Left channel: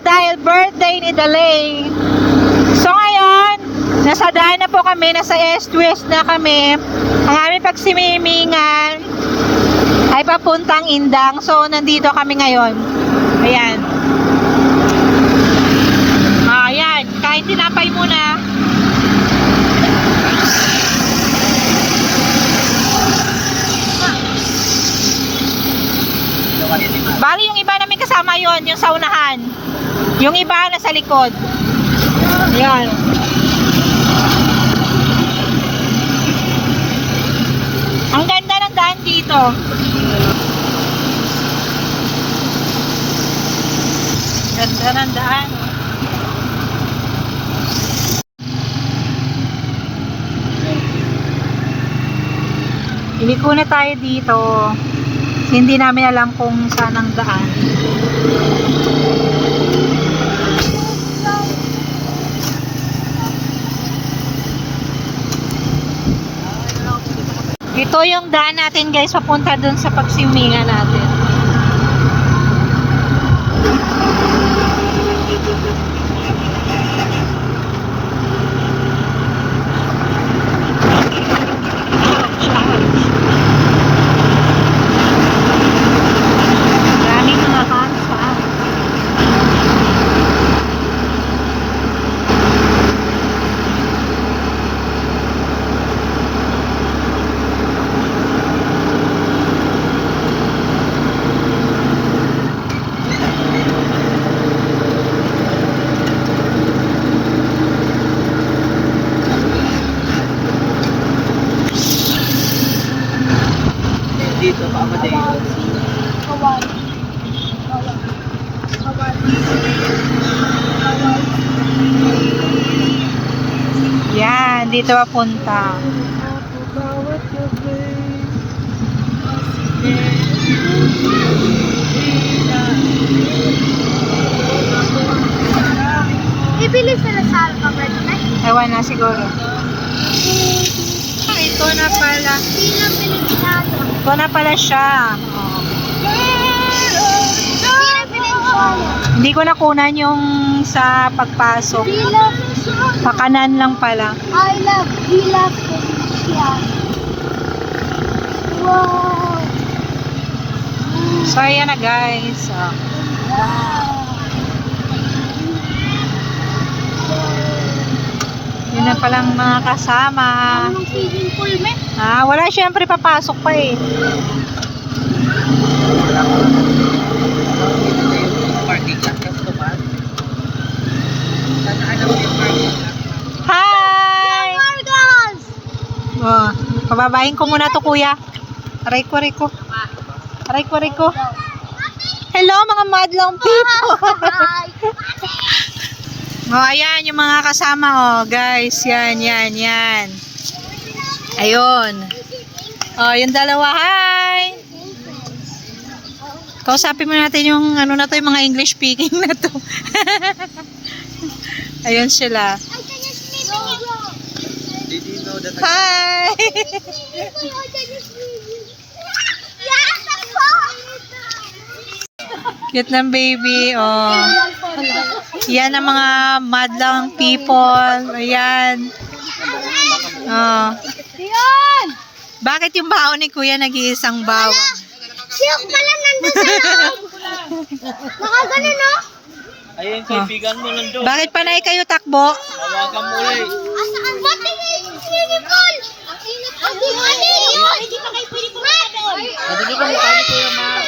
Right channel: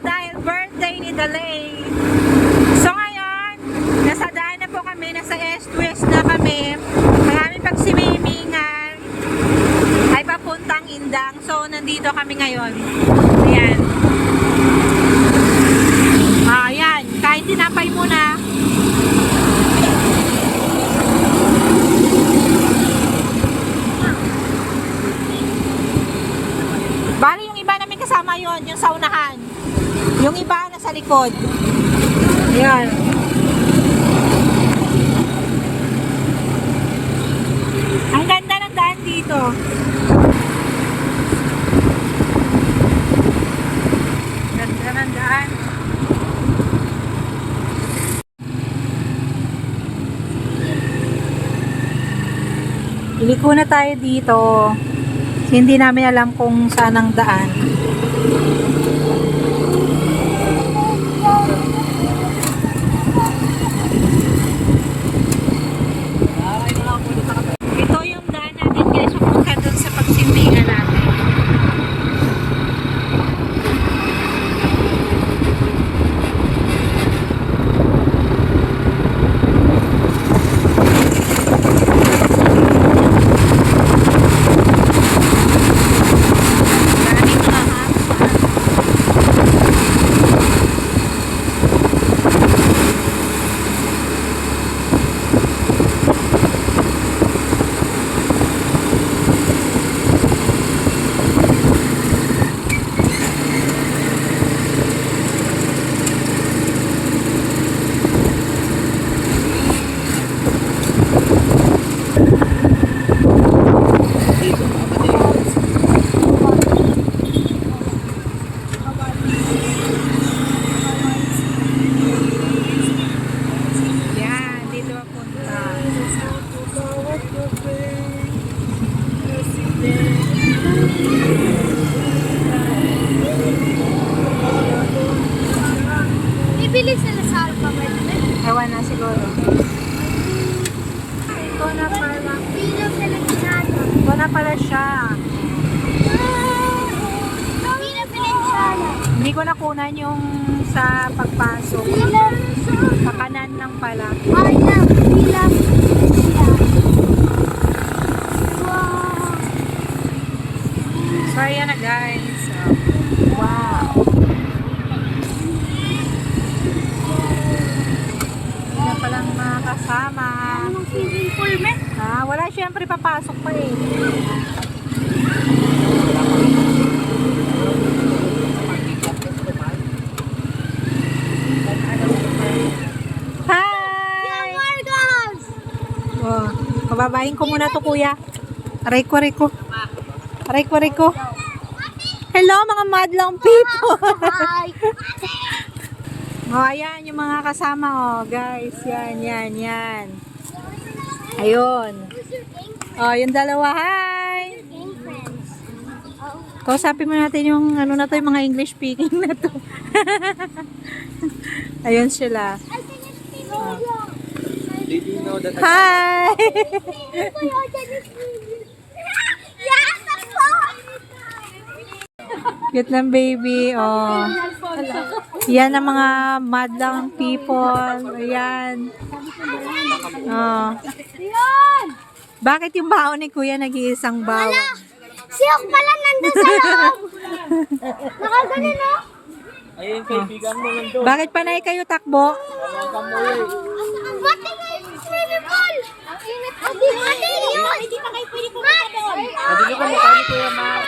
dahil birthday ni Dalay. So ngayon, nasa daan na po kami, nasa East-West na kami. Ang aming pagsimimingan ay papuntang Indang. So nandito kami ngayon. Ayan. Ayan, kain tinapay muna. Bali, yung iba namin kasama yon, yung sa unahan. Yung iba nasa likod. Ayan. Ang ganda ng daan dito. Ganda ng daan. Iliko na tayo dito. Hindi namin alam kung saan ang daan. Ito yung daan natin guys, papunta dun sa pagsimingan natin. Yan, dito papunta. Ibili sila sa alphabet na. Ewan na siguro. Ito na pala. Ito na pala siya. Hindi ko nakunan yung sa pagpasok. Pakanan lang pala. I love Indonesia. Wow. So ayan na guys. Wow. Yun na palang mga kasama. Anong swimming pool, me? Wala, syempre papasok pa eh. Hi! Margas! Oh, pababahin ko muna to kuya. Aray ko, aray ko. Aray ko, aray ko. Hello mga madlang people. Hi! Oh, ayan yung mga kasama oh, guys. Yan, yan, yan. Ayun. Oh, yung dalawa. Hi! Kausapin mo natin yung ano na to, yung mga English speaking na to. Ayun sila. Hi! Cute ng baby. Oh. Yan ang mga madlang people. Ayan. Oh. Bakit yung baon ni kuya nag-iisang bawang? Siyok pala nandun sa loob. Nakaganon, no? Ayun, kaibigan mo nandun. Bakit panay kayo takbo? Tawagan mo eh. Ba't tingin yung swimming pool? Ang init. Hindi pa kayo pwede pumunta doon. Ano nyo kung mukha ni Kuya Matt?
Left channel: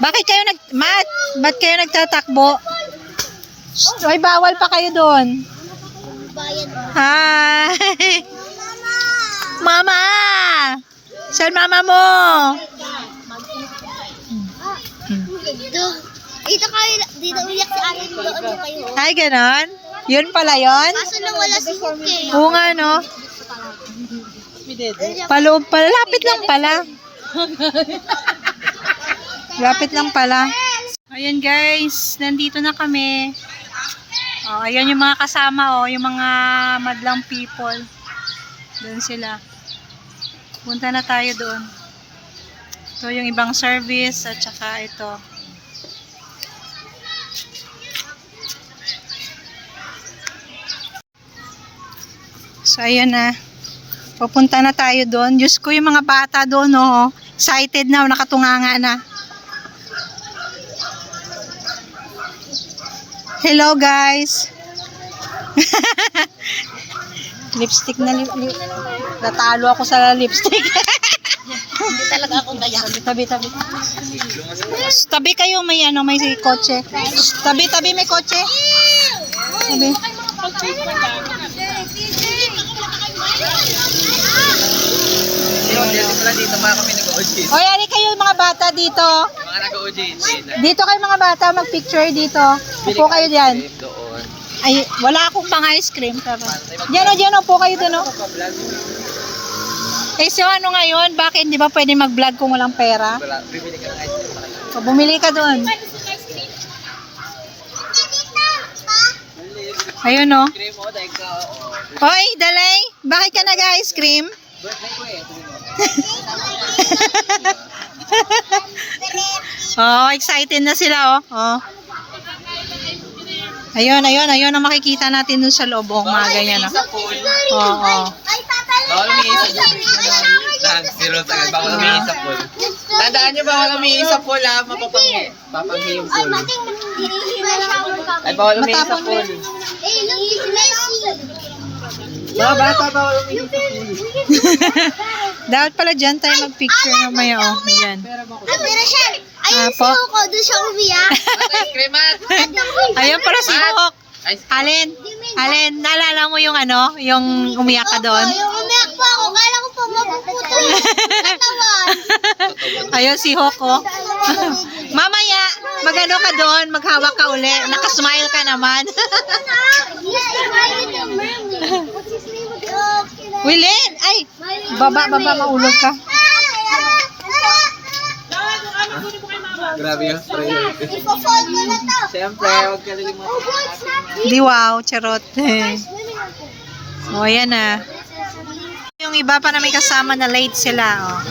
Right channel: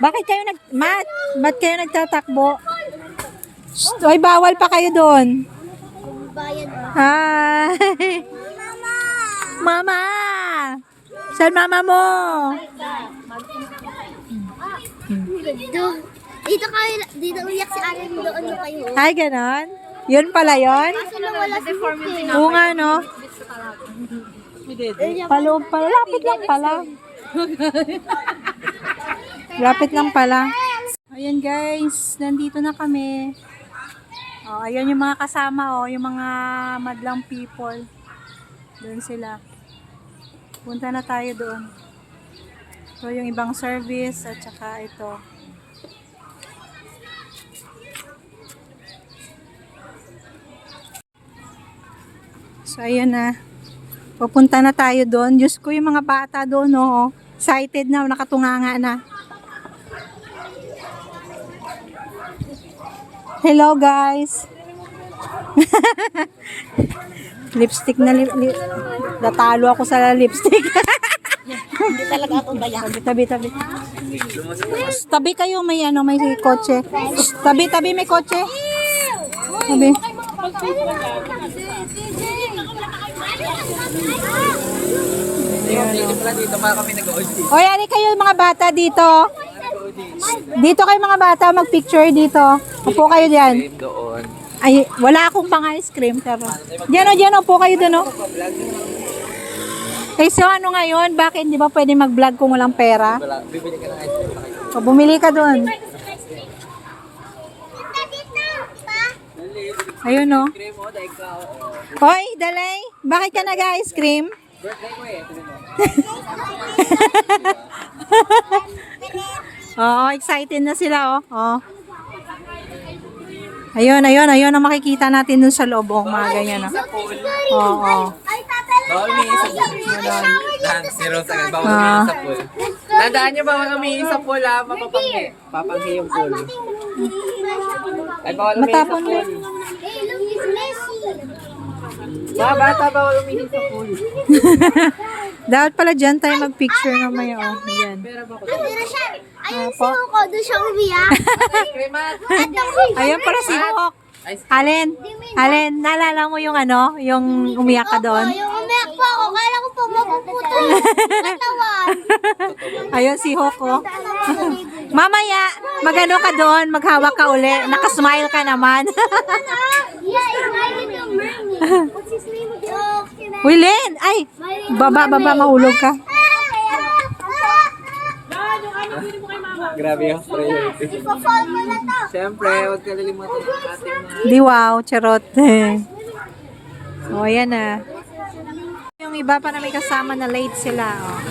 Bakit kayo ba't kayo nagtatakbo? Ay, bawal pa kayo doon. Bayan. Hi! Mama! Saan mama mo? Dito kayo, dito uyak si ate mo doon yung kayo. Ay, ganon? Yun pala yun? Kaso lang wala si Huki. Oo nga, no? Paloob pala. Lapit lang pala. Lapit lang pala. Ayan guys, nandito na kami. Oh, ayan yung mga kasama, oh, yung mga madlang people. Doon sila. Punta na tayo doon. Ito yung ibang service at saka ito. So, ayan na. Pupunta na tayo doon. Diyos ko, yung mga bata doon, oh. Excited na, nakatunganga na. Hello, guys. Lipstick na natalo ako sa lipstick. Hindi talaga ako gaya. Tabi. Tabi kayo, may ano, may kotse. Tabi, may kotse. Tabi. Dito mga kami nag-OG. Oy, ali kayo mga bata dito. Mga nag-OG. Dito kayo mga bata, mag-picture dito. Upo kayo diyan. Doon. Ay, wala akong pang ice cream. Pero. Diyan, upo kayo doon. Eh, so ano ngayon? Bakit di ba pwede mag-vlog kung walang pera? Bibili ka ng ice cream. O, bumili ka doon. Ayun, no? Cream mo, dahil ka. Hoy, Dalay, bakit ka nag-ice cream? Birthday ko eh. Sabi mo. Oh, excited na sila, oh. Oh. Ayun ang makikita natin dun sa loob, oh, mga ganyan, oh. Oo. Bawal umiisa sa pool. Zero sa bawal umiisa sa pool. Tandaan nyo, bawal umiisa sa pool ha. Mapapanghi. Papanghi yung pool. Ay, bawal umiisa sa Matapon pool. Mga bata, bawal umiisa sa pool. Dapat pala dyan tayo mag-picture mamaya, oh. Ayan. Ayun po. si Hugo, doon siya umiyak. Ice cream at. Ayun pala si Hawk. Ice cream. Alin, naalala mo yung ano, yung umiyak ka doon? Yung umiyak po ako, kala ko po mapuputo yung katawan. Ayun si Hawk, oh. Mamaya, magano ka doon, maghawak ka uli. Nakasmile ka naman. What's his name? Wilin! Ay! Baba, maulog ka. Grabe yung priority. Ipapol ko na to. Siyempre, huwag kalilimutan ang ating mga... Di wow, charot. O, ayan na. Yung iba pa na may kasama na late sila, oh.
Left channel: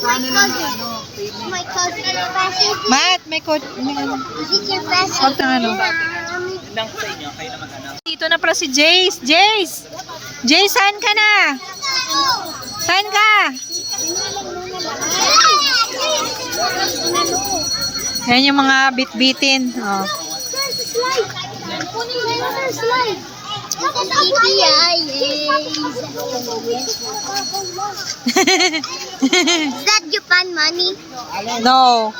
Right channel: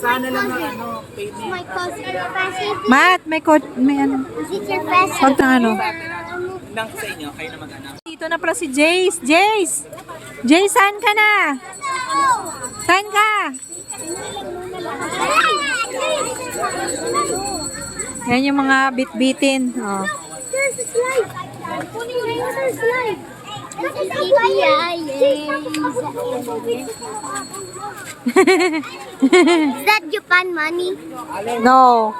Sana lang ano, my cousin. Matt, may ano. Is it your present? Pagka ano. Hindang sa inyo, kayo naman ano. Dito na pala si Jace. Jace! Jace, saan ka na? Saan ka? Yan yung mga bit-bitin. Oh. There's a slide. There's a slide. Is that Japan money? No.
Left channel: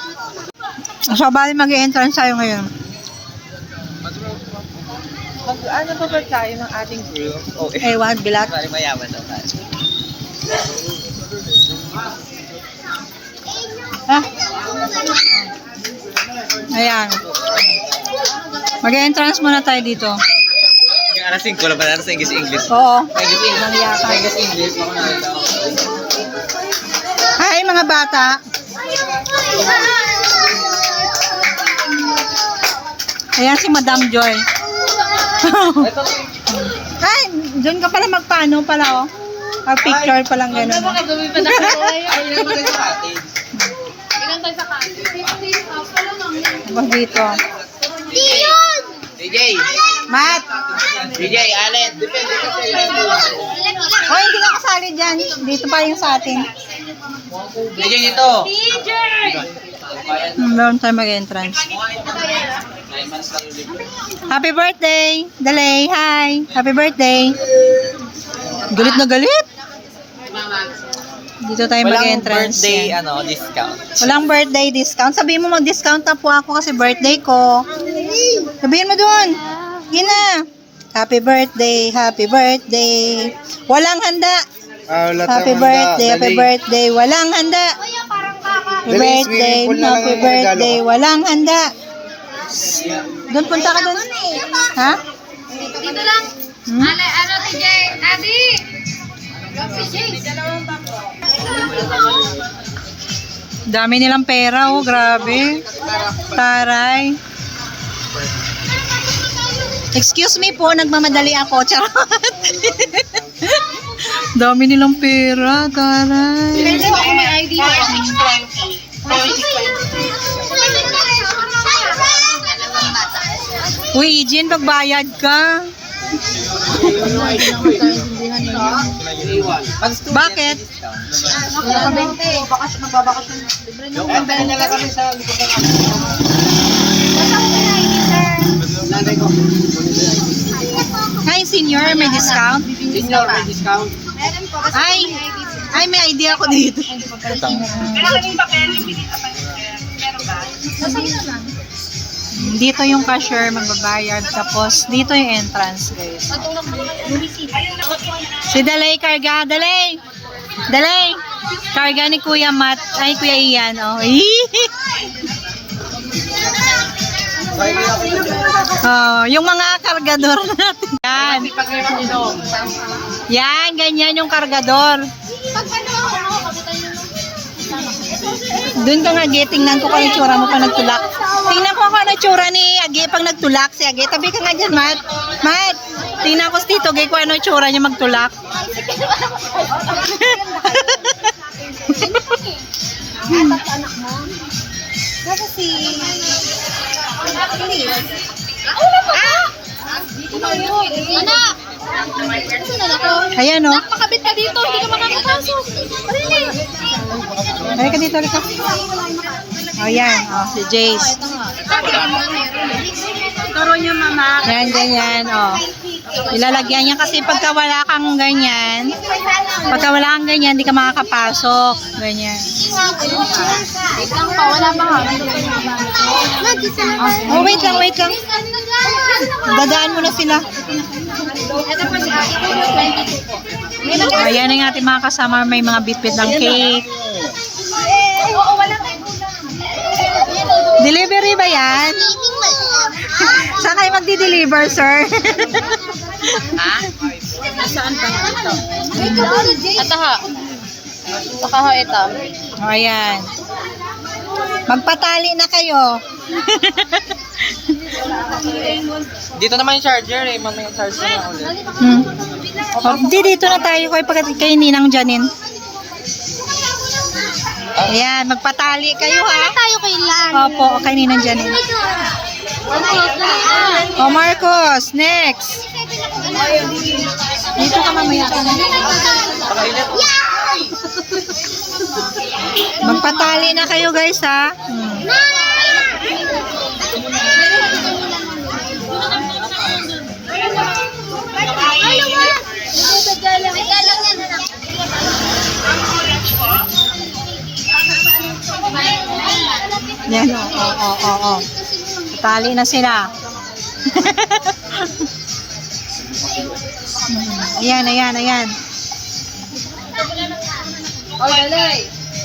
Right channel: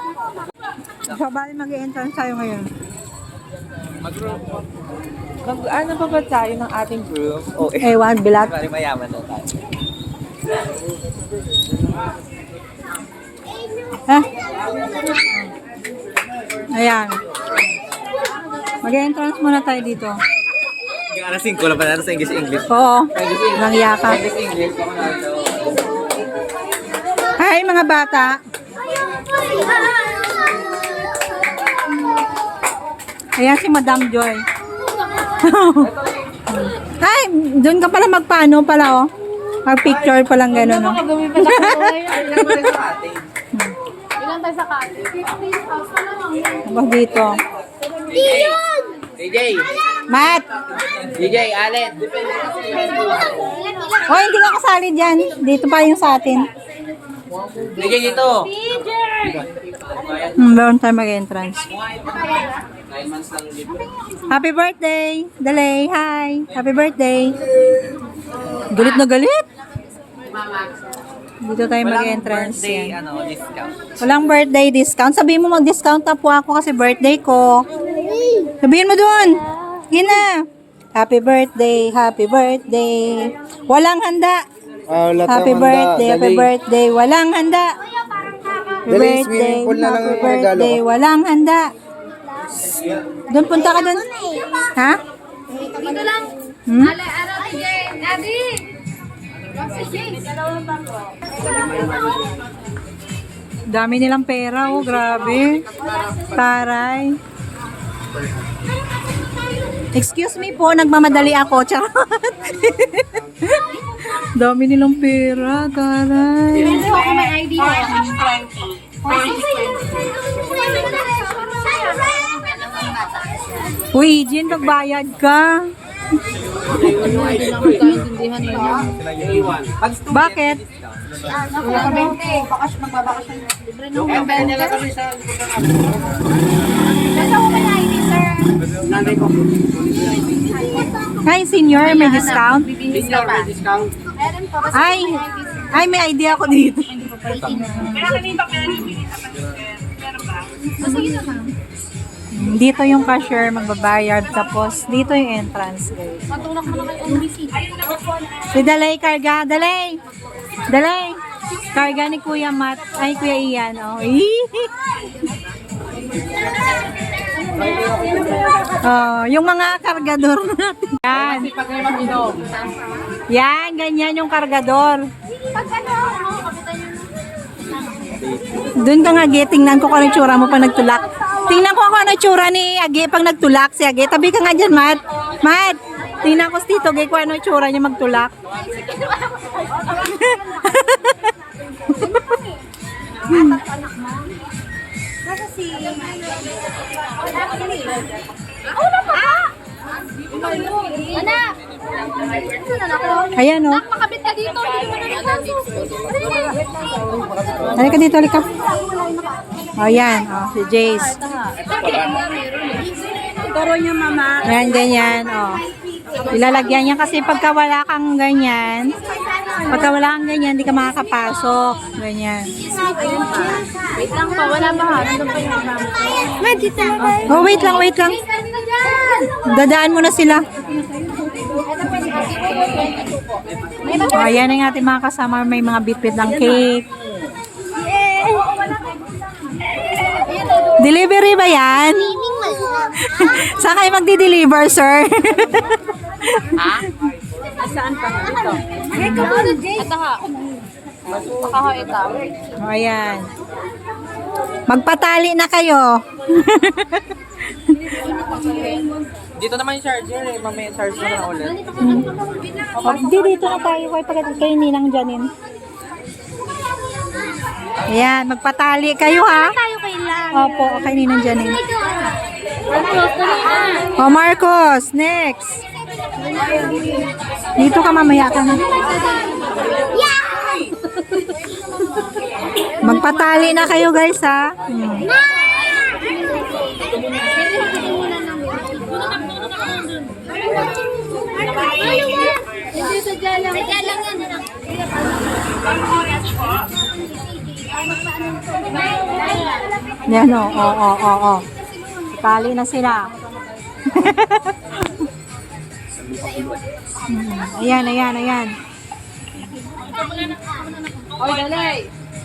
So, bali mag-entrance tayo ngayon. Ano ba ba tayo ng ating group? Oh, Ewan, bilat. Bali mayaman daw tayo. Ha? Ayan. Mag-entrance muna tayo dito. Alas 5 lang pa sa English. Oo. English. Nangya ka. English. Hi, mga bata. Ayan si Madam Joy. Ay, doon ka pala magpaano pala, oh. Mag-picture palang gano'n, oh. Tapos dito. Diyon! DJ! Matt! DJ, Allen! Oh, hindi ka kasali dyan. Dito pa yung sa atin. DJ ito! Meron tayo mag-entrance. Happy birthday! Dalay, hi! Happy birthday! Galit na galit! Dito tayo mag-entrance. Birthday, Yan. discount. Walang birthday discount. Sabihin mo mag-discount na po ako kasi birthday ko. Sabihin mo dun. Yun na. Happy birthday, happy birthday. Walang handa. Happy birthday, walang handa. Happy birthday, happy birthday, walang handa. Doon, punta ka doon. Ha? Dito lang. Hmm? Ano, TJ? Adi! Dami nilang pera, oh, grabe. Taray. Excuse me po, nagmamadali ako. Charot. Dami nilang pera, taray. Uy, Eugene, magbayad ka. Bakit? Ay, senior, may discount? Ay, may idea ako dito. Dito yung cashier magbabayad, tapos dito yung entrance, guys. Si Dalay karga, Dalay! Dalay! Karga ni Kuya Matt, ay Kuya Ian, oh. Oh, yung mga kargador natin. Yan. Yan, ganyan yung kargador. Doon ka nga, Age. Tingnan ko kung ano tsura mo pa nagtulak. Tingnan ko kung ano tsura ni Age pag nagtulak si Age. Tabi ka nga dyan, Matt. Matt, tingnan ko si Tito Age kung ano tsura niya magtulak. Anak! Ayan, oh. Nakakabit ka dito, hindi ka makakapasok. Halika dito, halika. Ayan, oh, si Jace. Taro niya, mama. Yan, ganyan, oh. Ilalagyan niya kasi pagka wala kang ganyan, hindi ka makakapasok. Ganyan. Wait lang pa, wala pa ha. Nandun pa yung gamit. Oh, wait lang. Dadaan mo na sila. Ayan ang ating mga kasama. May mga bitbit ng cake. Delivery ba yan? Saan kayo magdi-deliver, sir? Ataha. Bakaho ito. O, ayan. Magpatali na kayo. Dito naman yung charger eh. Mamaya charger na ulit. O, dito na tayo kay Ninang Janine. Ayan, magpatali kayo, ha? Tayo ko lang. Opo, kay Ninang Janine. O, Marcos, next. Dito ka mamaya ka na. Magpatali na kayo, guys, ha? Yan, o. Patali na sila. Ayan. Oy, dalay.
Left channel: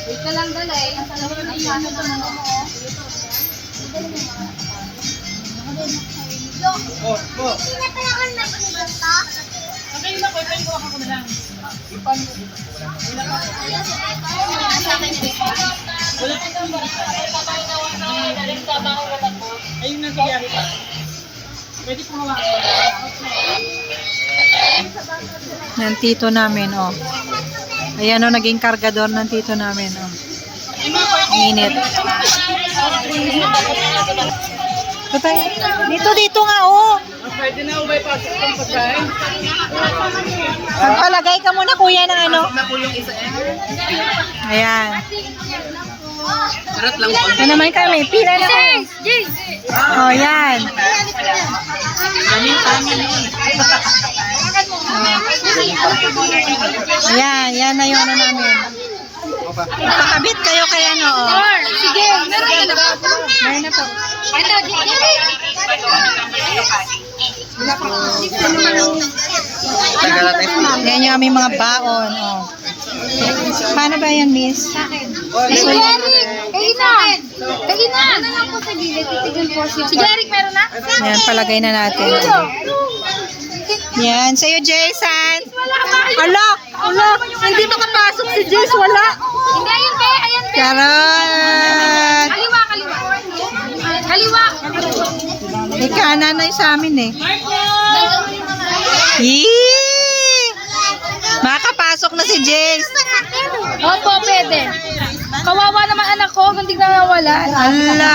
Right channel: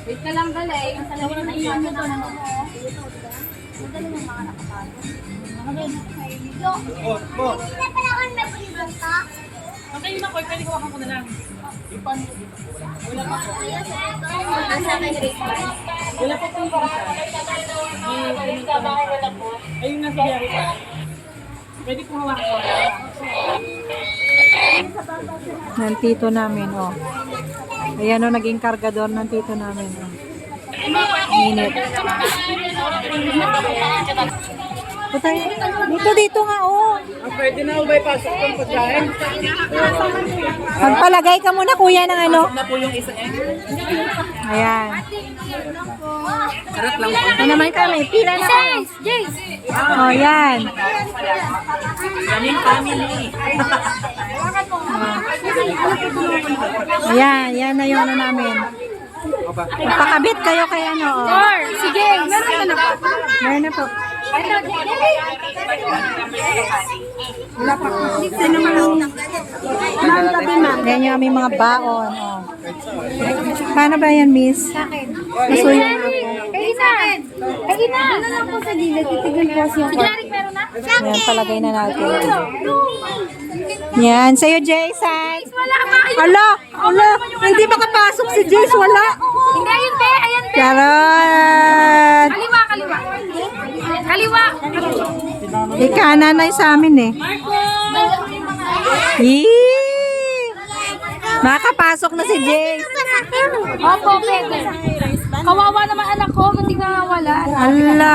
Wait ka lang, dalay. Ang salamin na isa mo doon. Ng tito namin, oh. Ayan, oh, naging kargador ng tito namin, oh. Init. Patay. Dito nga, oh. Pwede na ubay pasok ng pagkain. Magpalagay ka muna, kuya, ng ano. Na po yung isa eh. Ayan. Sarap lang po. Ano naman kami? Pila na kayo. Oh, yan. Yan na yung ano namin. Magpakabit kayo kay ano, oh. Sige, meron ka na ba? Meron na po. Ito, Yan yung aming mga baon, oh. Paano ba yan, miss? Nasulat. Kagina! Ano lang po sa gilid, titigil po siya. Si Jeric, meron na? Yan, palagay na natin. Yan, sa'yo, Jason. Ala, hindi makapasok si Jace, wala. Hindi, ayun be, ayan be. Charot. Kaliwa. Ikananay sa amin, eh. Yee! Makapasok na si Jace. Opo, pwede. Kawawa naman anak ko, hindi na nawala. Ala.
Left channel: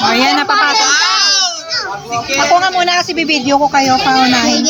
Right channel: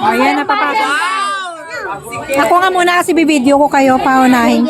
O, yan, napapasok. Ako nga muna kasi bibideo ko kayo, paunahin.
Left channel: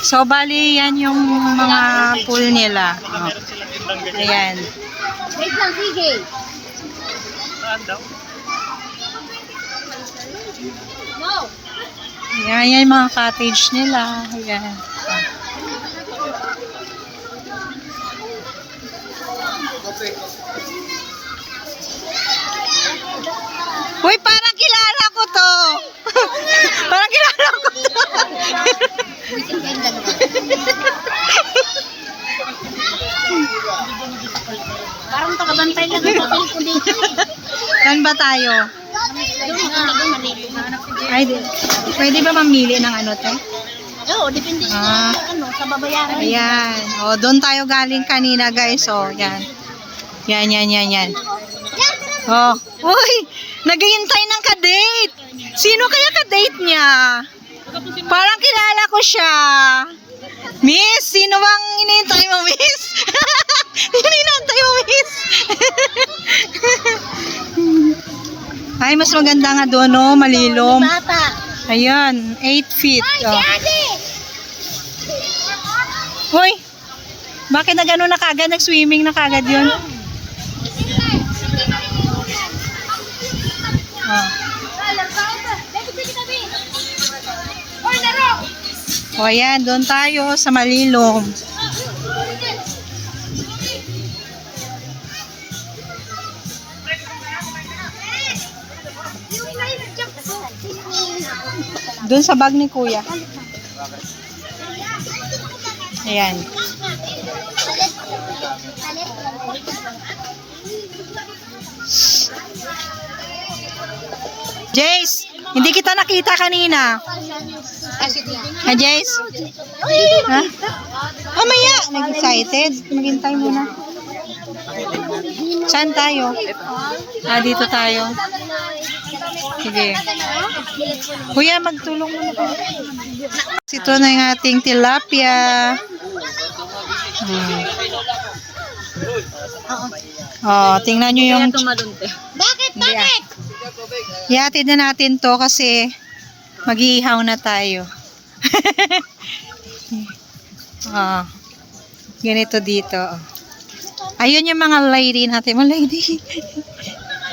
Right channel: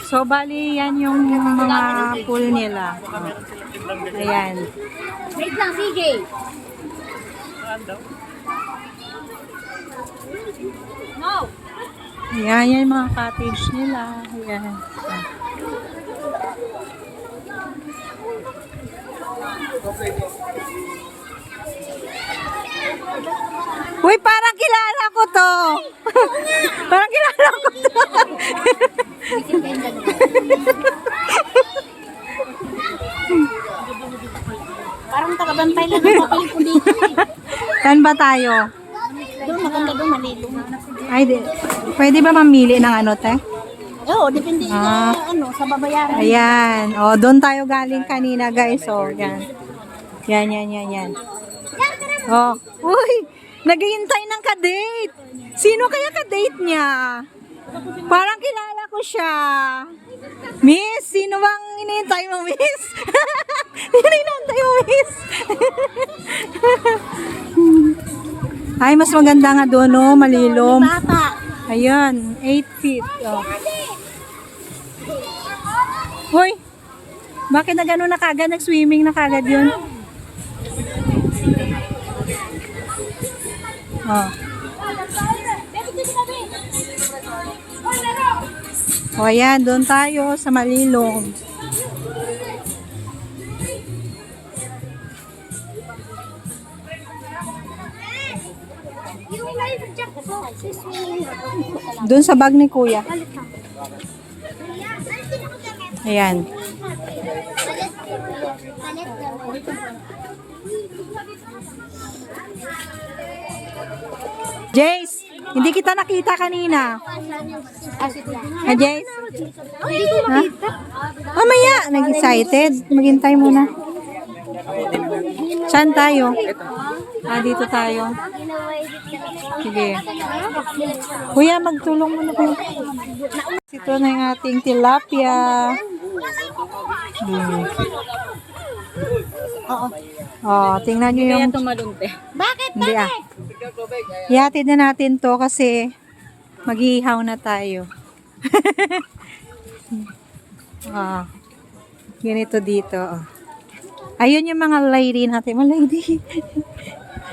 So, bali, yan yung mga pool nila. Oh. Ayan. Wait lang, sige. No. Ayan, yan yung mga cottage nila. Ayan. Oh. Uy, parang kilala ko to. Parang kilala ko to. Parang tagabantay lang ang papel ko dito. Saan ba tayo? Ay, pwede ba mamili ng ano, te? Oo, depende Ah. sa ano, sa babayaran. Ayan. O, doon tayo galing kanina, guys. O, yan. Yan, yan, yan, yan. Oh, uy, naghihintay ng ka-date. Sino kaya ka-date niya? Parang kilala ko siya. Miss, sino bang inihintay mo, miss? Sino inihintay mo, miss? Ay, mas maganda nga doon, no? Malilom. Bata. Ayan, 8 feet. Oh. Hoy, bakit na gano'n na kagad? Nag-swimming na kagad yun? Oh. O ayan, doon tayo sa Malilom. Doon sa bag ni Kuya. Ayan. Jace, hindi kita nakita kanina. Ha, Jace? Ha? Mamaya, nag-excited. Maghintay muna. Saan tayo? Ah, dito tayo. Sige. Kuya, magtulong muna kayo. Ito na yung ating tilapia. Oh, tingnan nyo yung... Bakit? Hindi ah. Ihatid na natin to kasi mag-iihaw na tayo. Oh, ganito dito. Oh. Ayun yung mga lady natin. Mga lady.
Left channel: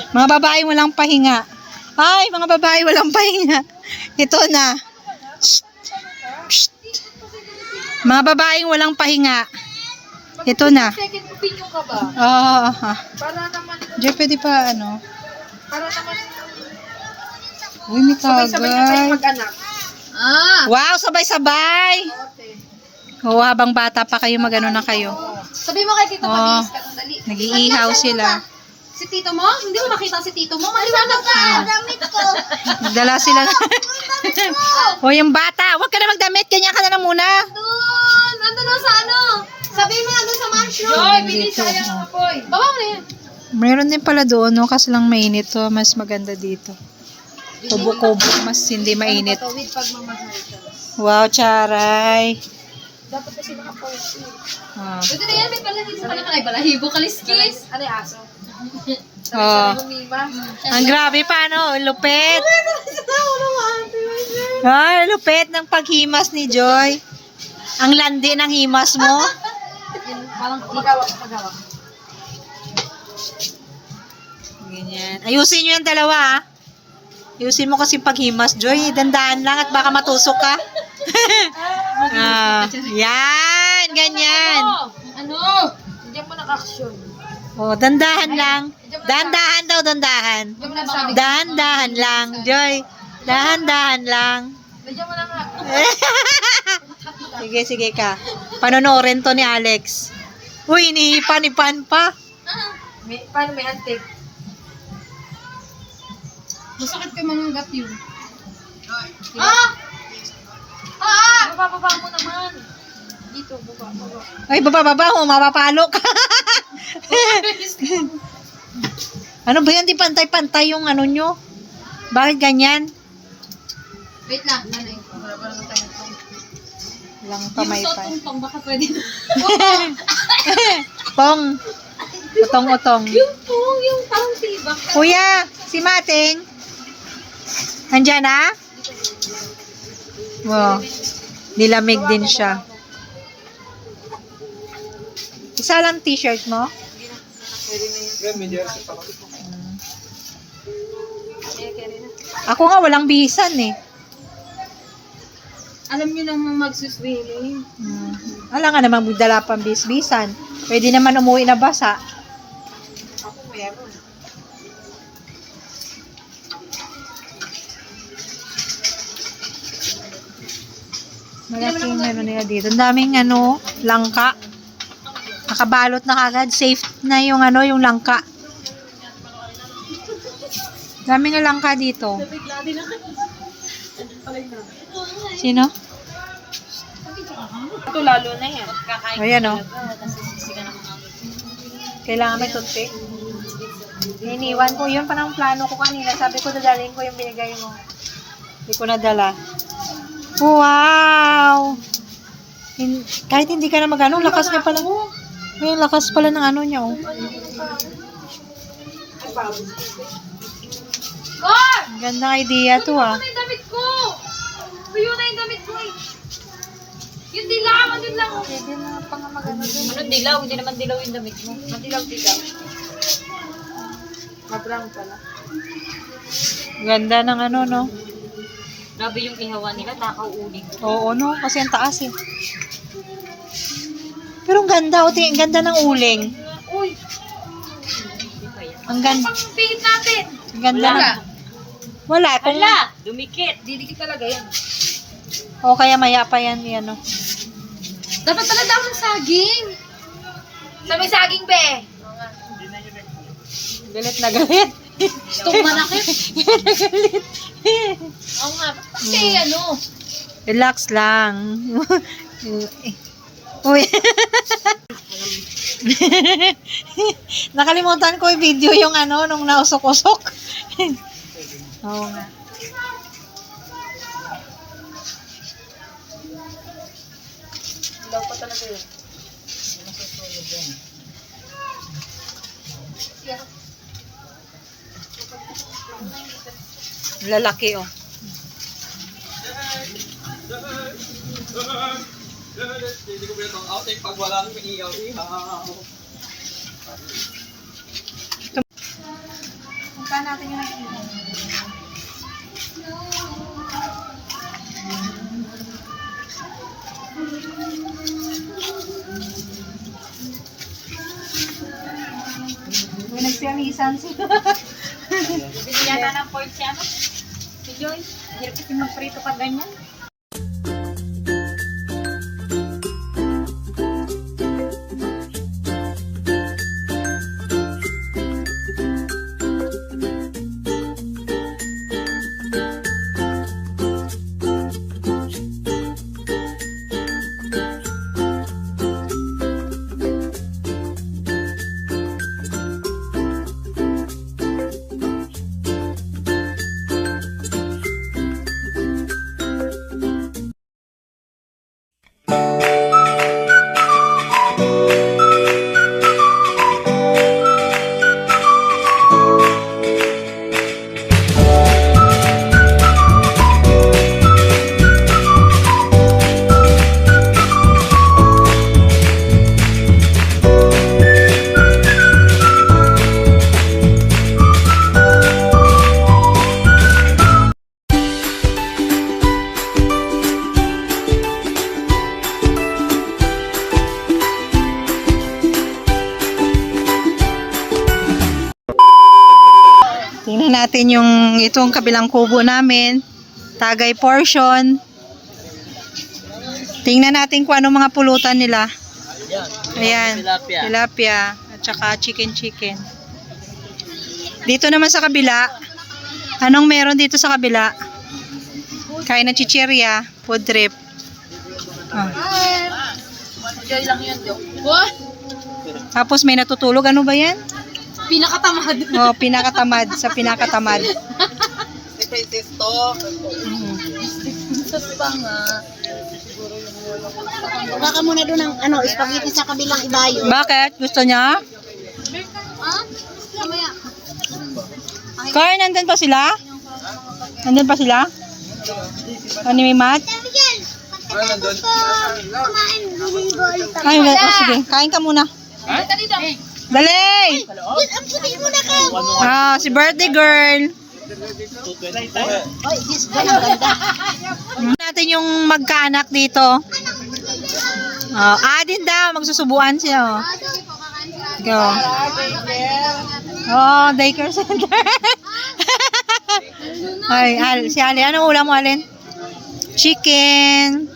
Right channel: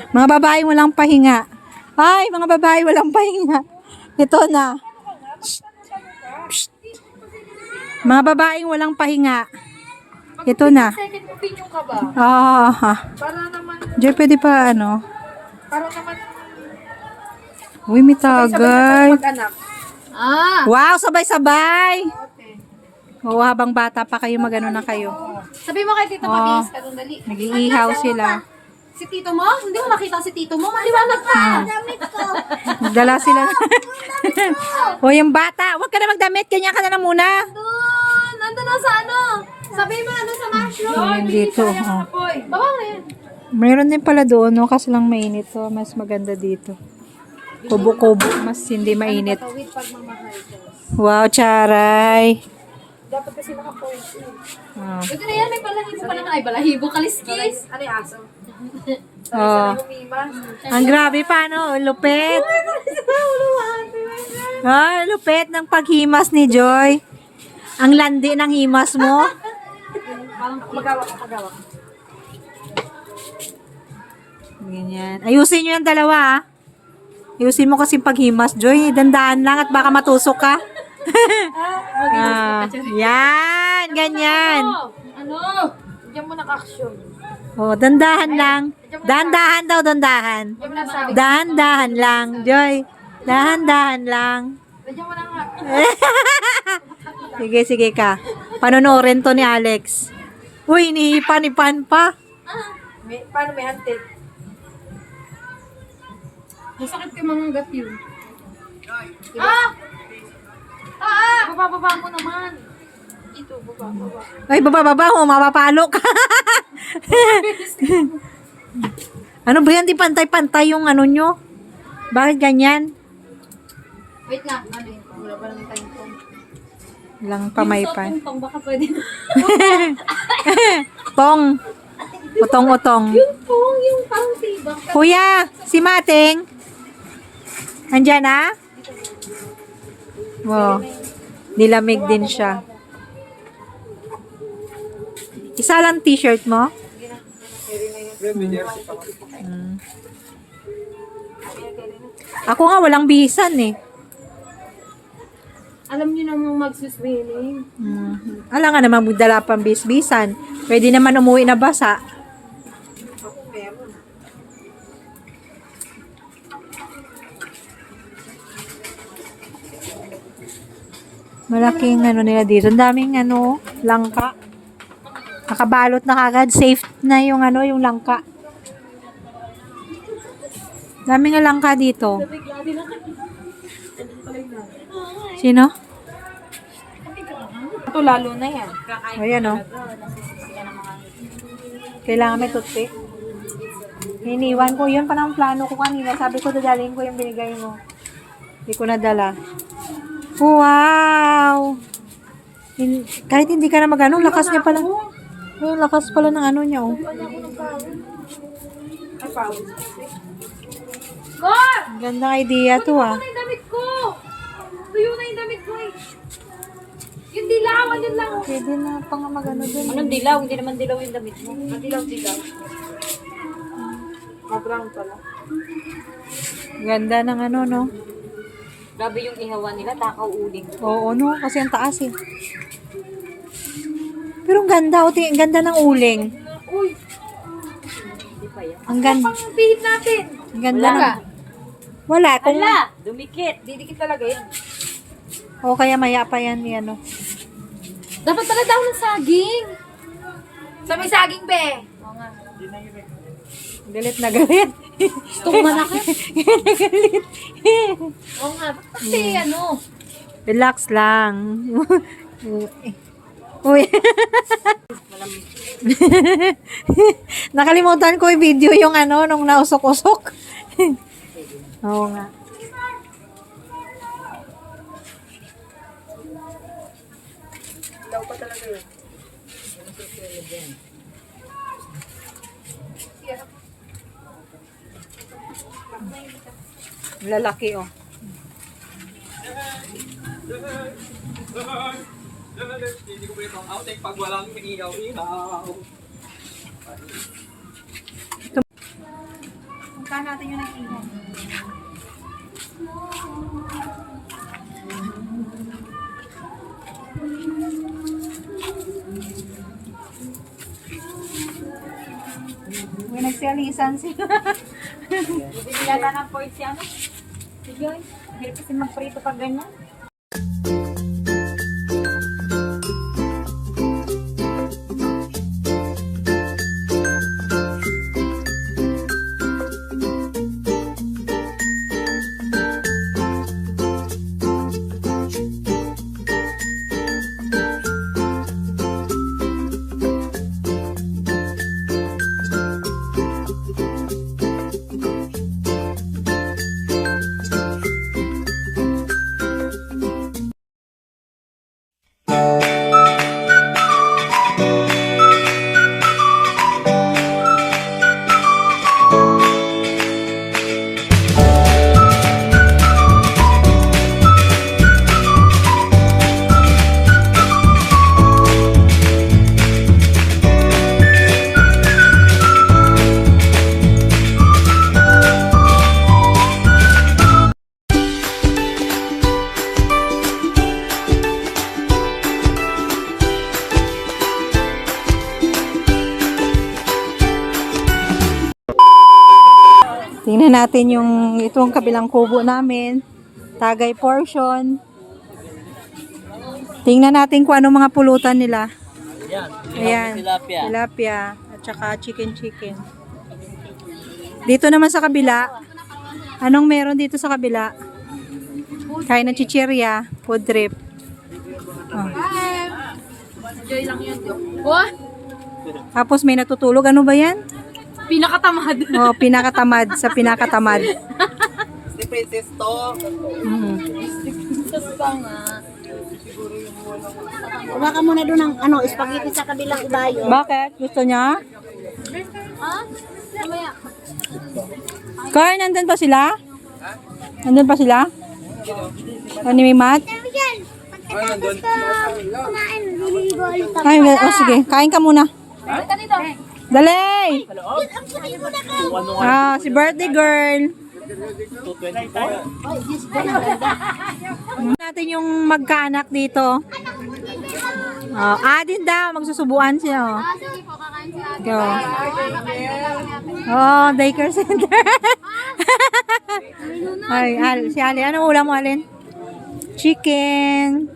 Mga babae walang pahinga. Ay, mga babae walang pahinga. Ito na. Shh. Shh. Mga babaeng walang pahinga. Ito na. Second opinion ka ba? Oh, Para naman, Jay, pwede pa ano? para naman, Uy, may sabay-sabay tagay. kayo mag-anak. Ah, Wow, sabay-sabay. Oo, habang bata pa kayo, magano na kayo. sabi mo kay Tito Oh. Mabis, dali. Nag-iihaw sila. Si Tito mo? Hindi mo makita si Tito mo? Maliwanag ka! Damit ko. Nagdala sila. O, yung bata, huwag ka na magdamit. Ganyan ka na lang muna. Doon! Nandun na sa ano? Sabi mo nandun sa mushroom. Joy, Dito, sayang oh. na poy. Baba mo na yan. Meron din pala doon, no? Kasi lang mainit to. Mas maganda dito. Kubo-kubo, mas hindi mainit. Tawid pag mamahal ka. Wow, charay. Dapat kasi naka-post. Oh. Pwede na yan, may balahibo ka naman. Ay, balahibo, kaliskis. Ano yung aso? Oh. Lumima. Ang grabe pa, no? Lupit. Ay, lupit ng paghimas ni Joy. Ang landi ng himas mo. Parang pagawak. Ganyan. Ayusin nyo yung dalawa, ah. Ayusin mo kasi paghimas, Joy. Dandaan lang at baka matusok ka. Yan, ganyan. Ano? Diyan mo nag-action. Oh, dandahan lang. Dandahan daw, dandahan. Diyan mo nagsabi. Dahan-dahan lang, Joy. Dahan-dahan lang. Diyan mo na nga. Sige, sige ka. Panonorin to ni Alex. Uy, inihipan-ipan pa. Paano may hantik? Masakit kay mga gat yun. Baba mo naman. Dito, baba. Ay, baba, oh, mapapalo ka. Ano ba yan? Di pantay-pantay yung ano nyo? Bakit ganyan? Wait lang, ano yun? Wala pa naman tayong tong. Lang pamaypan. Tong baka pwede na. Tong. Utong-utong. Yung parang tibak. Kuya, si Mating. Andyan na? Wow. Nilamig din siya. Isa lang t-shirt mo? Ako nga walang bihisan eh. Alam nyo namang magsuswimming. Alam nga naman magdala pang bisbisan. Pwede naman umuwi na basa. Ako meron. Malaking ano nila dito. Ang daming ano, langka. Nakabalot na kagad. Safe na yung ano, yung langka. Daming nga langka dito. Sino? Ito lalo na yan. Ayan o. Kailangan may toothpick. Iniwan ko. Yun pa ng plano ko kanina. Sabi ko dadalhin ko yung binigay mo. Hindi ko nadala. Wow! Kahit hindi ka na mag-ano, lakas niya pala. Ayun, lakas pala ng ano niya, oh. God! Ganda idea to, ah. Tuyo na yung damit ko! Tuyo na yung damit ko eh. Yung dilaw, ano lang. Pwede na pa nga mag-ano dun. Anong dilaw? Hindi naman dilaw yung damit mo. Madilaw-dilaw. Mabrown pala. Ganda ng ano, no? Grabe yung ihawan nila, takaw uling. Oo, no? Kasi ang taas, eh. Pero ang ganda, oh. Ang ganda ng uling. Uy! Ang ganda. Pang-pihit natin! Ang ganda ng... Wala. Kung... Dumikit! Didikit talaga yan. O kaya maya pa yan, yan, oh. Dapat talaga daw ng saging. Sa may saging, be. Galit na galit. Gusto ko manakit. galit. Oo nga. Kasi ano. Relax lang. Uy. Nakalimutan ko i-video yung ano, nung nausok-usok. Oo nga. Daw pa talaga yun. Lalaki, oh. Hindi ko pala outing pag walang iihaw-ihaw. Punta natin yung nag-ihaw. May nagsialisan sila. Bibili yata ng pork siya. Si Joy. Hirap kasi magprito pag ganyan. Tingnan natin yung itong kabilang kubo namin. Tagay portion. Tingnan natin kung anong mga pulutan nila. Ayan. Tilapia. At saka chicken. Dito naman sa kabila. Anong meron dito sa kabila? Kain ng chichirya. Food trip. Ah. Enjoy lang yun, Jo. Tapos may natutulog. Ano ba yan? Pinakatamad. Oh, pinakatamad sa pinakatamad. Si Princess to. Wala ka muna doon ng spaghetti sa kabilang ibayo. Bakit? Gusto niya? Kaya nandun pa sila? Nandun pa sila? Ano may mat? Miguel, pagkatapos ko kumain, liligo ulit ako. Ay, sige. Kain ka muna. Dali! Ang sabihin mo na ka. Ah, si birthday girl. Oy, Diyos ko, ang ganda. Natin yung magkaanak dito. Oh, din daw. Magsusubuan siya. Oh. Go. Oh, daycare center. Ay, si Ali. Anong ulam mo, Alin? Chicken.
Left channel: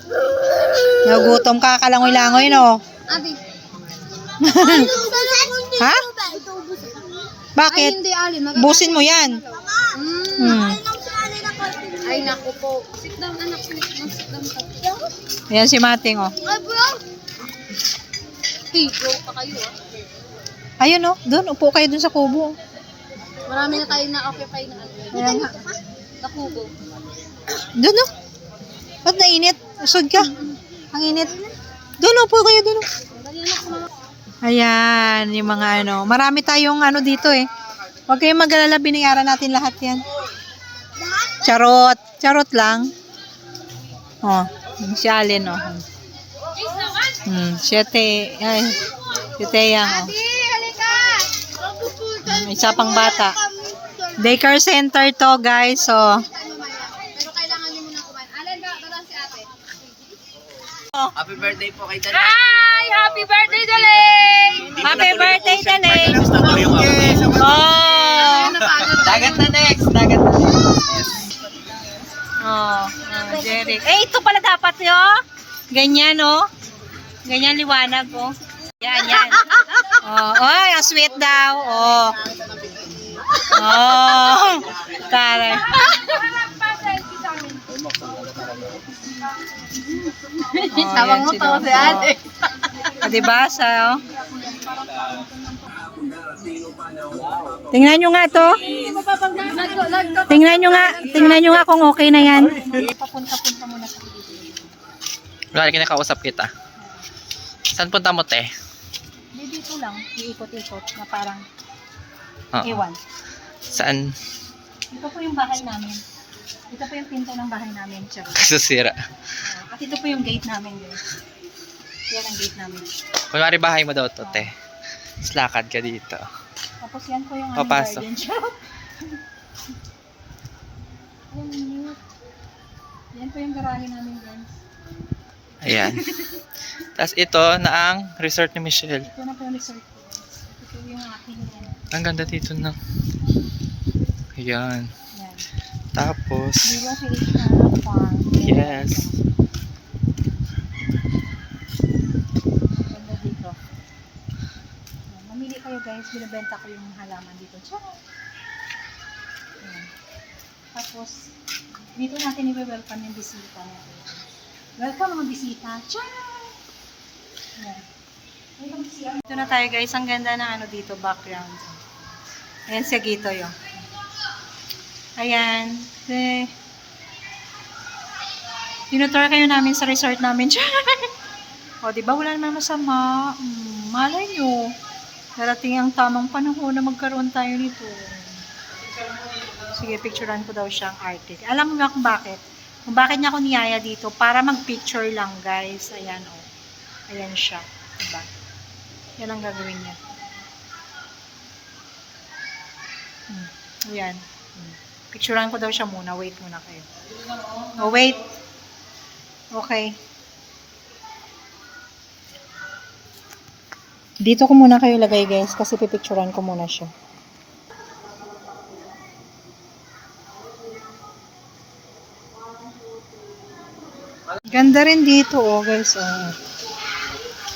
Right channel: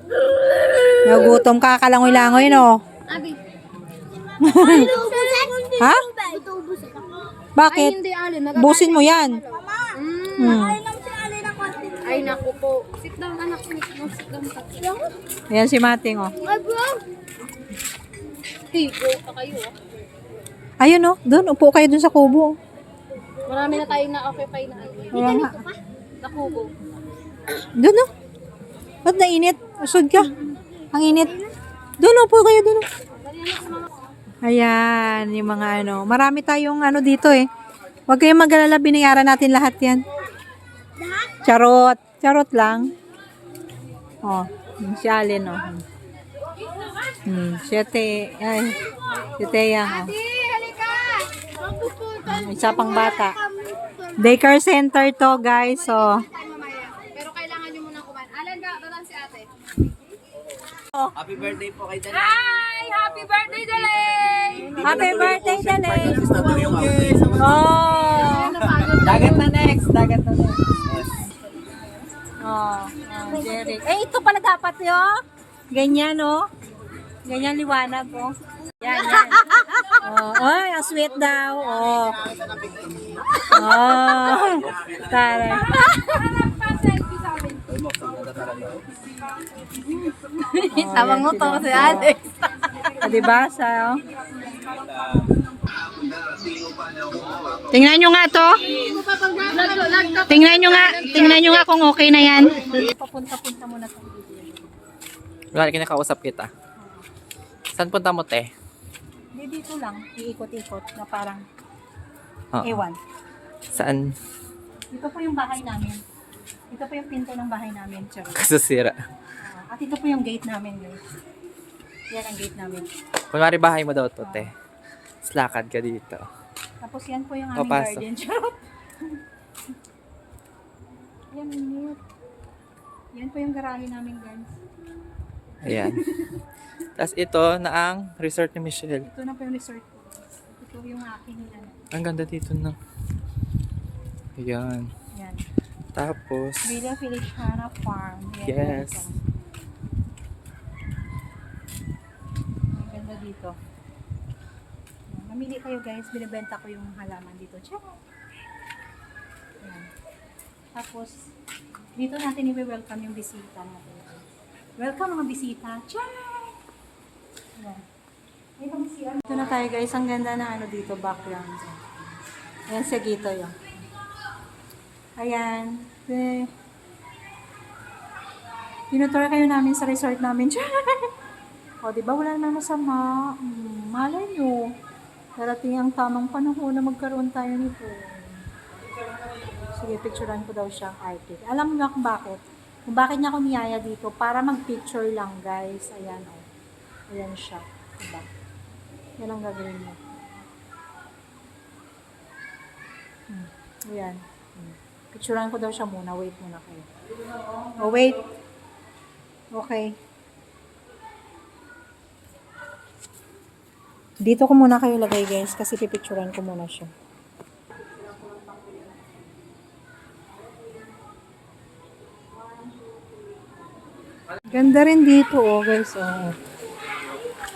Nagutom ka, kalangoy-langoy, no? Abi. Ha? Bakit? Busin mo yan. Ay, naku po. Sit down, anak. Sit down. Ayan si Mating, oh. Ay, bro. Go pa kayo, Ayun, oh. Doon, upo kayo doon sa kubo. Marami na tayong na-occupy na. Ayan nga. Nakubo. Doon, oh. Ba't nainit? Usod ka. Ang init. Doon, upo kayo doon, oh. Ayan, yung mga ano. Marami tayong ano dito, eh. Huwag kayong mag-alala, binayaran natin lahat yan. Charot. Charot lang. Oh, si Alin, oh. Siyete. Ay, siyete yan, oh. Isa pang bata. Daycare center to, guys, oh. Pero kailangan nyo muna kumain. Alan ka, dadaan si ate. Happy birthday po kay Dana. Hi! Happy birthday, Dalay! Happy birthday, Dali! Oh! Dagat na next. Yes. Oh, Derek. Eh, ito pala dapat yun. Ganyan, oh. Ganyan liwanag, oh. Yan. Oh, oy, ang sweet daw. Oh. Oh. Taray. Tawang mo to si ate. Diba? Sa, oh. Tingnan nyo nga to. Tingnan nyo nga kung okay na yan. Papunta-punta muna sa Wala, kinakausap kita. Saan punta mo, te? dito lang, iikot-ikot na parang Oo. ewan. Saan? Ito po yung bahay namin. Ito po yung pinto ng bahay namin. Charot. Kasusira. At ito po yung gate namin, guys. Yan ang gate namin. Kunwari bahay mo daw to, te. Slakad ka dito. Tapos yan po yung aming Papasok. garden. Charot. Yan, minute. Yan po yung garahe namin, guys. Ayan. Tapos ito na ang resort ni Michelle. Ito na po yung resort ko. Ito po yung aking yan. Ang ganda dito na. Ayan. Yan. Tapos, Viva Feliciana Farm. Yan. yes. Ganda dito. Yan. Mamili kayo, guys. Binibenta ko yung halaman dito. Charot. Yan. Tapos, dito natin i-welcome yung bisita natin. Welcome mga bisita. Charot! Yan. Ito na tayo, guys. Ang ganda ng ano dito, background. Ayan si Agito yun. Ayan. Tinutour kayo namin sa resort namin. O, diba? Wala naman masama. Malay nyo. Darating ang tamang panahon na magkaroon tayo nito. Sige, picturean ko daw siyang artist. Alam mo ba kung bakit? Kung bakit niya ako niyaya dito? Para mag-picture lang, guys. Ayan, o. Ayan siya. Diba? Yan ang gagawin niya. Ayan. Picturean ko daw siya muna. Wait muna kayo. Oh, wait. Okay. Dito ko muna kayo lagay, guys, kasi pipicturean ko muna siya. Ganda rin dito, oh, guys. Oh.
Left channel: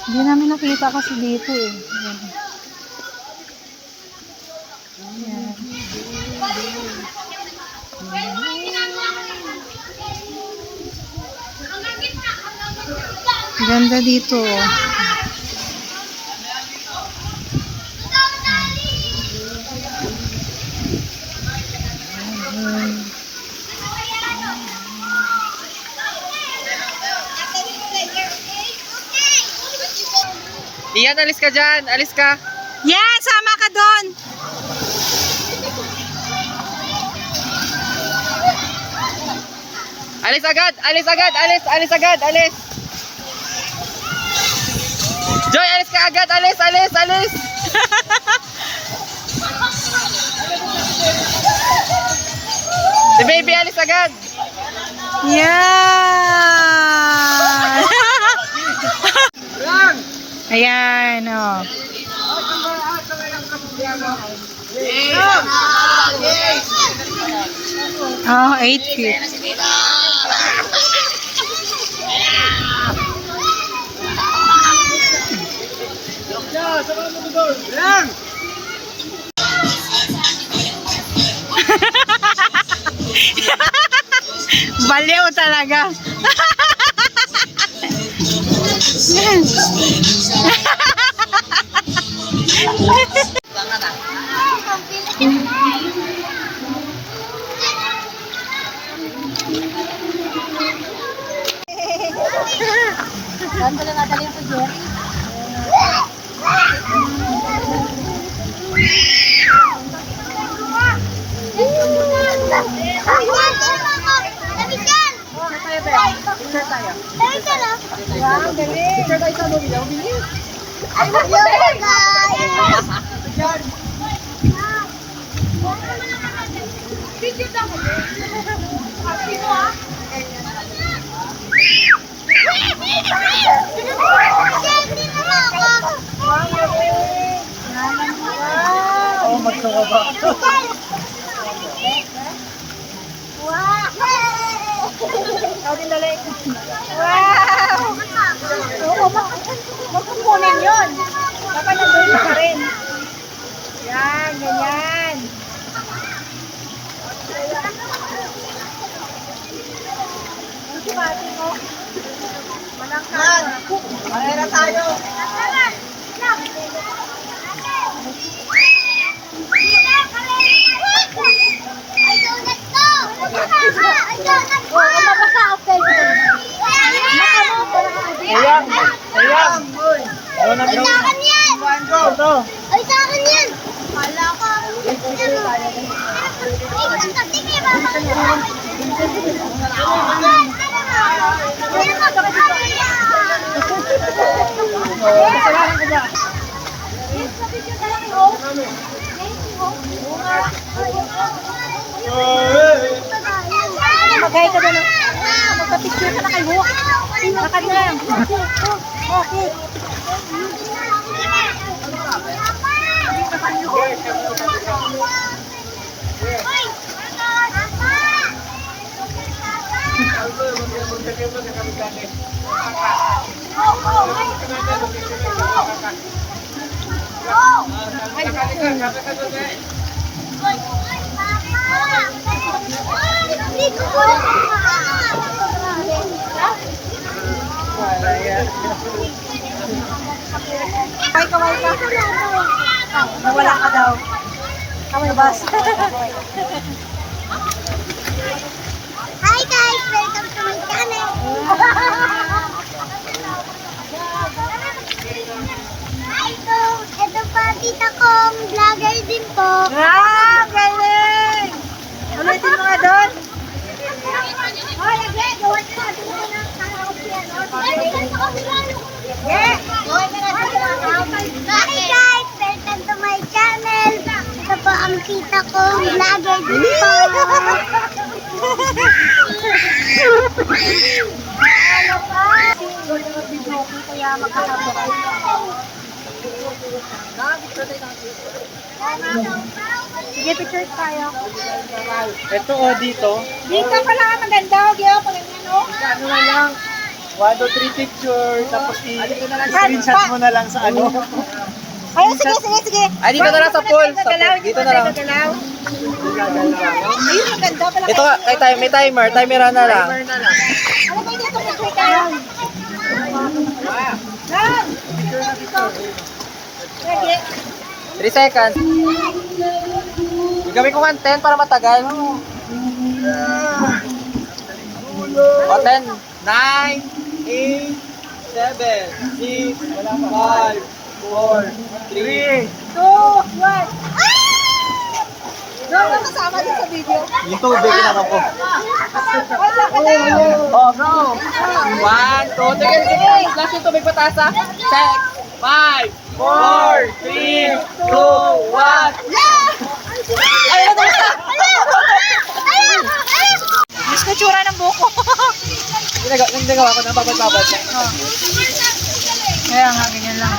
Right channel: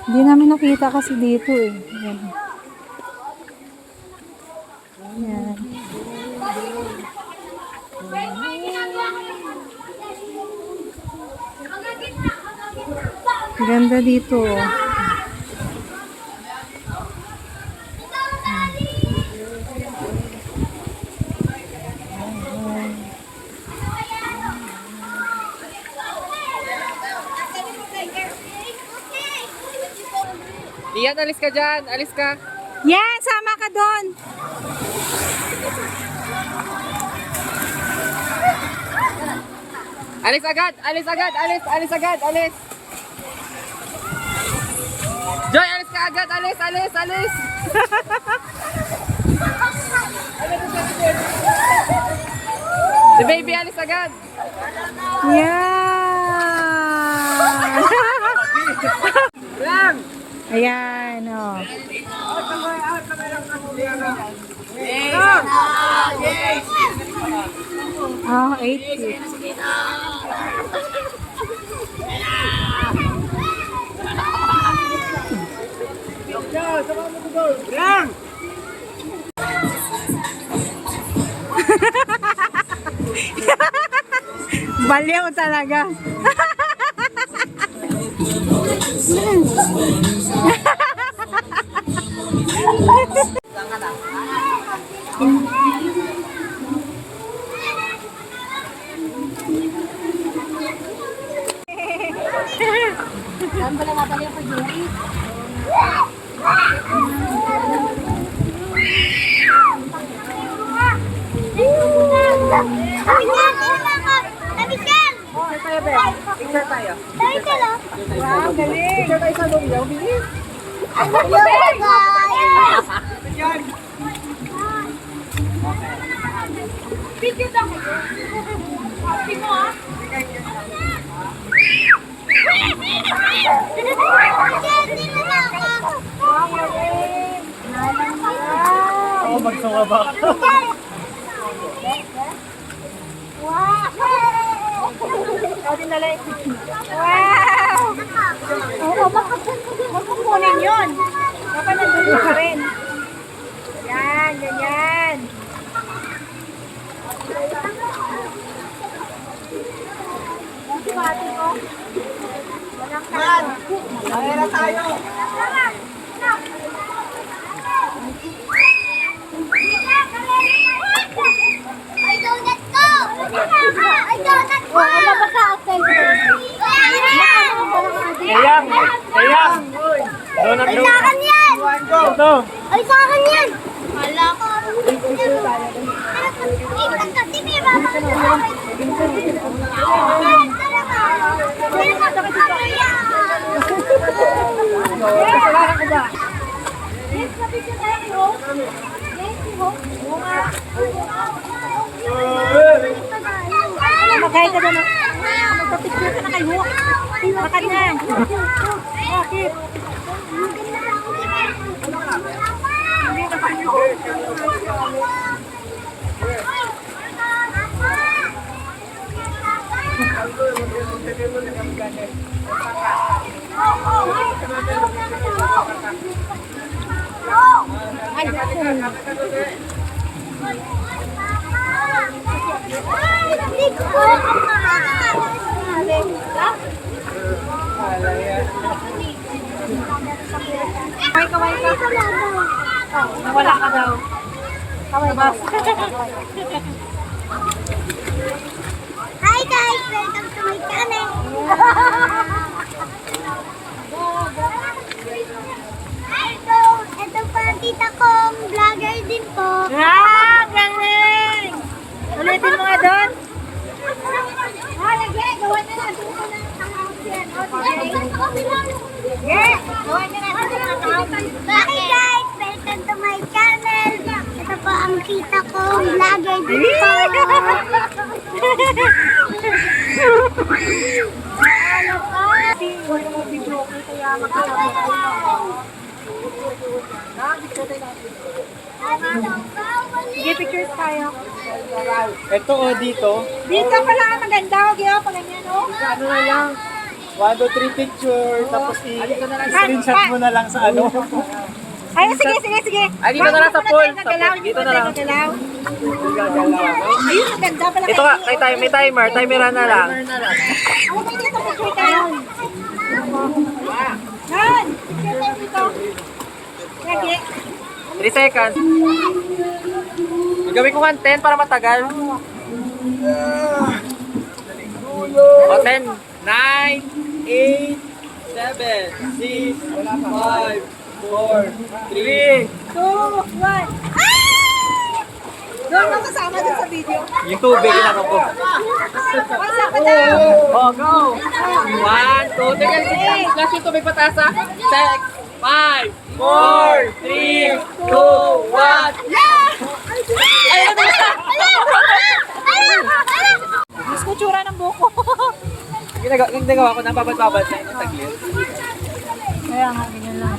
Hindi namin nakita kasi dito, eh. Ayan. Ganda dito, oh. Iyan, alis ka dyan. Alis ka. Yan, sama ka doon. Alis agad. Alis agad. Alis. Alis agad. Alis. Joy, alis ka agad. Alis. Alis. Alis. Si baby, alis agad. Yan. Ayan, oh. Oh, 8 feet. Baliw talaga. Saan ba lang nadali yung pag-yoki? Picture tayo. Wow, galing. Picture tayo sa lumiyaw. Bilis. Video daw ko. Happy mo ah. Hindi na ako. Oh, magsuka ba? Wow! Ikaw din dali. Wow! Oo, wag mo kunin yun. Dapat nandun ka pa rin. Yan, ganyan. Ang pati mo. Walang kama. Mahira tayo. I don't know. Oh, mabasa ako. Ayang. Ayang. Ay, sa akin yan! Ay, sa akin yan! Kala ko. Sige, babang Maghay ka doon. Magpa-picture ka na kay Hook. Lakad na. Bakit? Nawala ka daw. Kaway bas. Hi guys! Welcome to my channel! Hi po! Ito pa tita kong vlogger din po. Ah, galing! Ulitin mo nga doon. Oh, lagyan! Gawan na natin ito ng kahawag yan. Yeah! Gawan na natin ito ng kahawag. Hi guys! Welcome to my channel! Ito po ang tita kong vlogger din po. Ano po? Kaya Sige, pictures tayo. Ito o dito. Dito pala maganda, Gio, pag ganyan, no? Ano na lang? 1, 2, 3 picture, tapos i-screenshot mo na lang sa ano. Ay, sige. Ay, dito na lang sa pool. Dito na lang. Gagalaw. Ayun, ang ganda pala. Ito ka, may timer. Timeran na lang. Ano ba dito? Picture ka lang. Nan! Dito. Sige. 3 seconds. Gagawin ko nga 10 para matagal. O 10, 9, 8, 7, 6, 5, 4, 3. 2, 1. Doon ka kasama din sa video. Yung tubig na ako. Wala ka daw. Oh, go! 1, 2, tigil. Last yung tubig pataas ha. 6, 5, 4, 3, 2, 1. Ay, Diyos ko, tsura ng buko. Nagagawa ko na babad-babad na ito. Kaya nga, ganyan lang.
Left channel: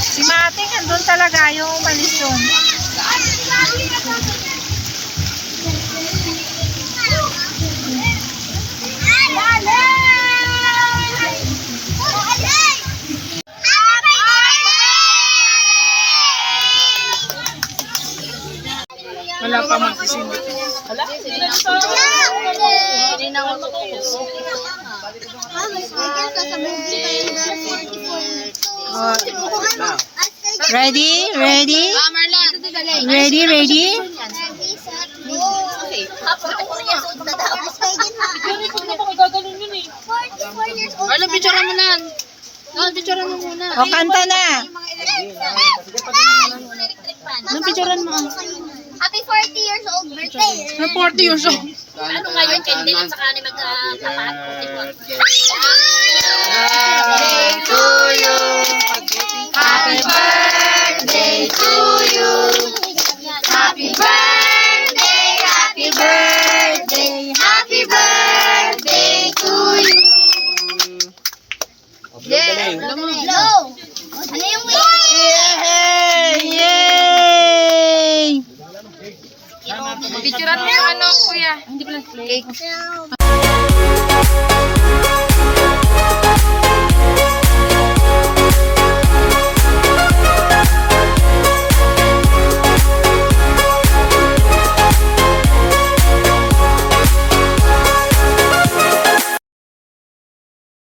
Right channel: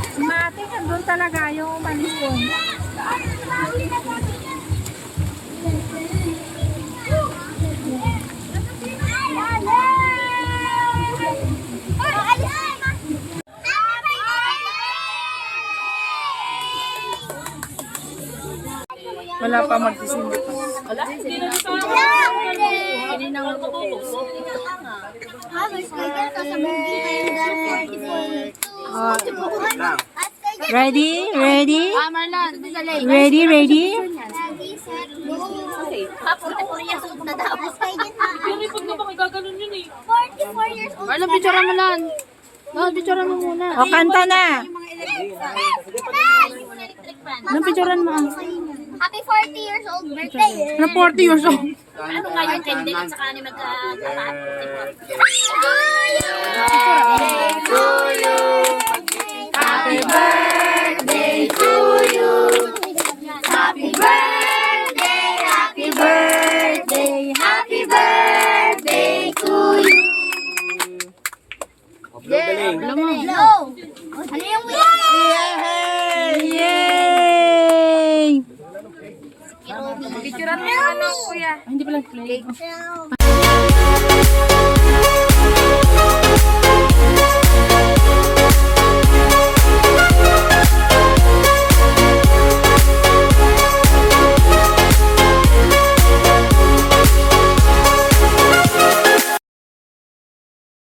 Si Mating, andun talaga yung umalis doon. Wala pa magsisimba. Ready? Ready? Marlon, picturean mo lang. Picturean mo muna. O, kanta na. Picturean mo. Happy 40 years old birthday. 40 years old. Ano ngayon, Kendall at saka ni magkatapat? Happy birthday to you. Happy birthday, happy birthday, happy birthday to you. Yeah, blow. Ano yung Yay! Picturean mo yung ano, kuya. Hindi pala cake.